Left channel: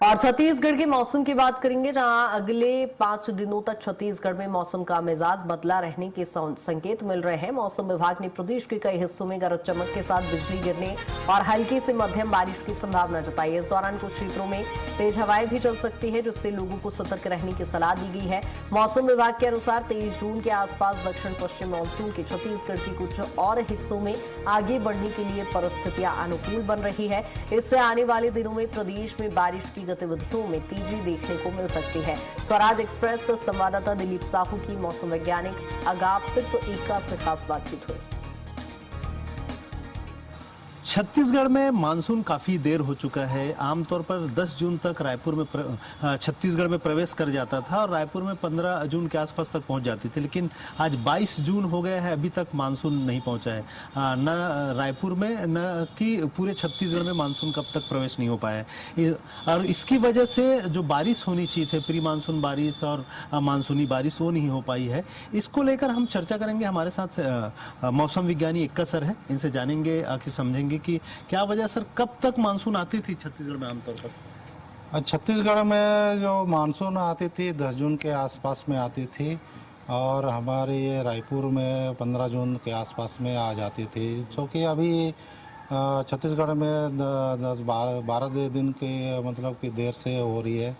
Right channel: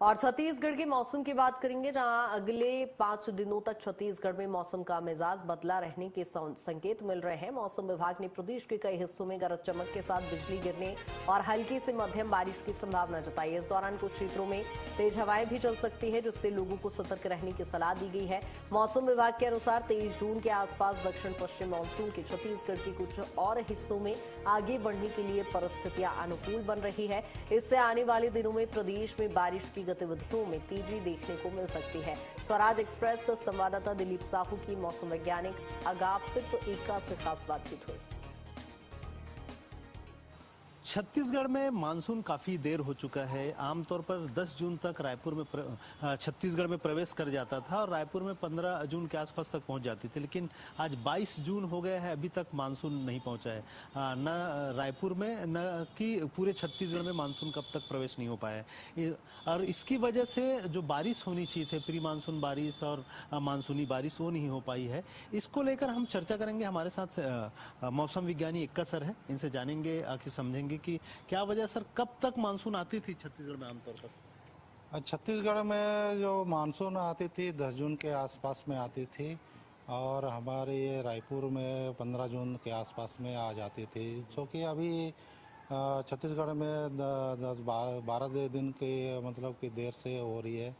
और छत्तीसगढ़ के मौसम की बात करेंगे, जहां अगले 5 दिनों तक छत्तीसगढ़ में मौसम का मिजाज बदला रहने के संकेत मिल रहे हैं। मौसम विभाग ने प्रदेश के कई हिस्सों में गरज चमक के साथ बिजली गिरने और हल्की से मध्यम बारिश की संभावना जताई है। इस दौरान कुछ क्षेत्रों में तेज हवाएं भी चल सकती है, जिससे लोगों को सतर्क रहने की सलाह दी गई है। मौसम विभाग के अनुसार 23 जून के आसपास दक्षिण पश्चिम मानसून के छत्तीसगढ़ के कुछ और हिस्सों में आगे बढ़ने के लिए परिस्थितियां अनुकूल बन रही है। इससे आने वाले दिनों में प्रदेश में बारिश की गतिविधियों में तेजी देखने को मिल सकती है। स्वराज एक्सप्रेस संवाददाता दिलीप साहू की मौसम वैज्ञानिक अगापित एका से खास बातचीत हुई। छत्तीसगढ़ में मानसून काफी देर हो चुका है। आमतौर पर 10 जून तक रायपुर में छत्तीसगढ़ में प्रवेश कर जाता था और रायपुर में 15 जून के आसपास तक पहुंच जाती थी, लेकिन आज 22 जून हो गया है, अभी तक मानसून नहीं पहुंचा है। न रायपुर में न कि पूरे छत्तीसगढ़ में मानसून कब तक प्रवेश नहीं हो पाया है। और इसकी वजह से जो बारिश होनी चाहिए थे, प्री मानसून बारिश और मानसूनी बारिश, वो नहीं हो पाई है। इसको लेकर हम चर्चा करेंगे। हमारे साथ मौसम विज्ञानी एक्का सर है, इनसे जानेंगे, आखिर समझेंगे कि क्या वजह सर, कब तक मानसून आती थी छत्तीसगढ़ में आमतौर पर? छत्तीसगढ़ में जो मानसून आती थी 10 जून के आसपास में आती थी और हमारे ये रायपुर में 15 जून के आसपास में आ जाती थी, जो कि अभी छत्तीसगढ़ में 10-12 दिन के मतलब कि देर से हो रही है।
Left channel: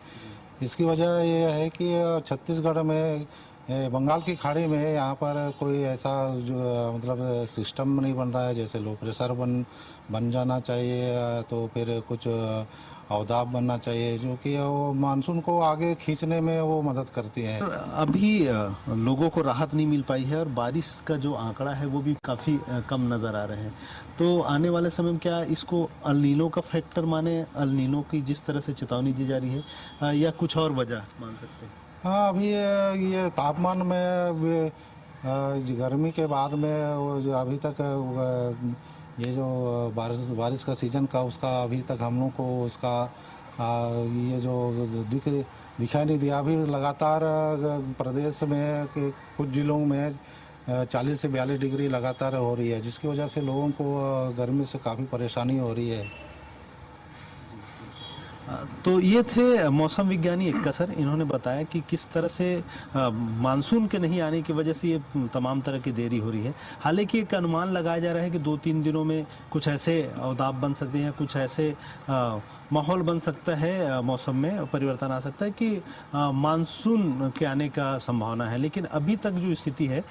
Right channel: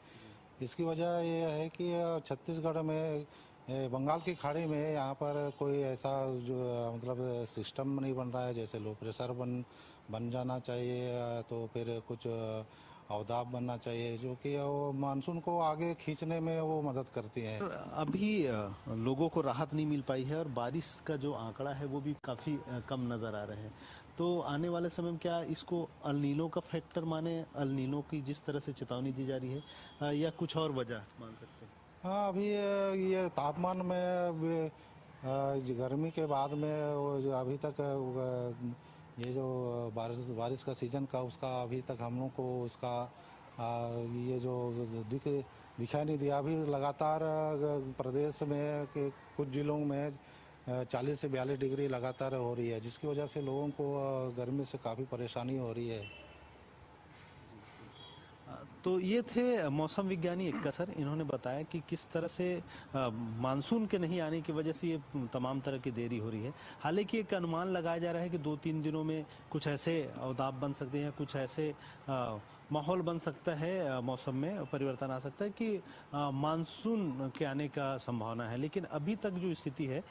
इसकी वजह ये है कि छत्तीसगढ़ में बंगाल की खाड़ी में यहाँ पर कोई ऐसा जो मतलब सिस्टम नहीं बन रहा है, जैसे लो प्रेशर बन जाना चाहिए, तो फिर कुछ अवदाब बनना चाहिए, जो कि वो मानसून को आगे खींचने में वो मदद करती है। अभी लोगों को राहत नहीं मिल पाई है और बारिश का जो आंकड़ा है वो भी काफी कम नजर आ रहे हैं। तो आने वाले समय में क्या इसको अल नीनो का फैक्टर माने, अल नीनो की जिस तरह से चेतावनी दी जा रही है, या कुछ और वजह मान सकते हैं? हाँ, अभी ये तापमान में गर्मी के बाद में वो जो अभी तक ये जो बारिश का सीजन का उसका अभी तक हम लोग को उसका ये जो दिखाई नहीं दिया। अभी लगातार प्रदेश में के कुछ जिलों में 40 से 42 डिग्री लगातार हो रही है, जिसकी वजह से लोगों को गर्मी से काफ़ी परेशानी हो रही है। तो ये थे मौसम विज्ञानी एक्का सर। इन्होंने बताया कि किस तरह से मानसून के नहीं आने की वजह से ये तमाम तरह की देरी हो रही है। हालांकि एक अनुमान लगाया जा रहा है कि 2-3 दिनों में कुछ ऐसे अवदाब बन सकते हैं, कुछ ऐसे माहौल बन सकता है, मौसम में परिवर्तन आ सकता है कि मानसून के आने का संभावना है। लेकिन अभी तक जो स्थिति है,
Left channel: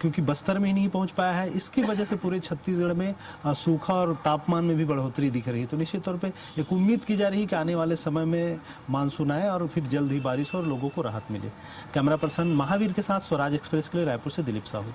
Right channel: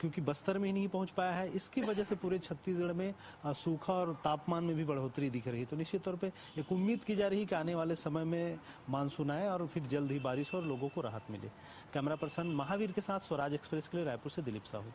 क्योंकि बस्तर में ही नहीं पहुंच पाया है, इसकी वजह से पूरे छत्तीसगढ़ में सूखा और तापमान में भी बढ़ोतरी दिख रही है। तो निश्चित तौर पे एक उम्मीद की जा रही है कि आने वाले समय में मानसून आए और फिर जल्द ही बारिश हो और लोगों को राहत मिले। कैमरा पर्सन महावीर के साथ स्वराज एक्सप्रेस के लिए रायपुर से दिलीप साहू।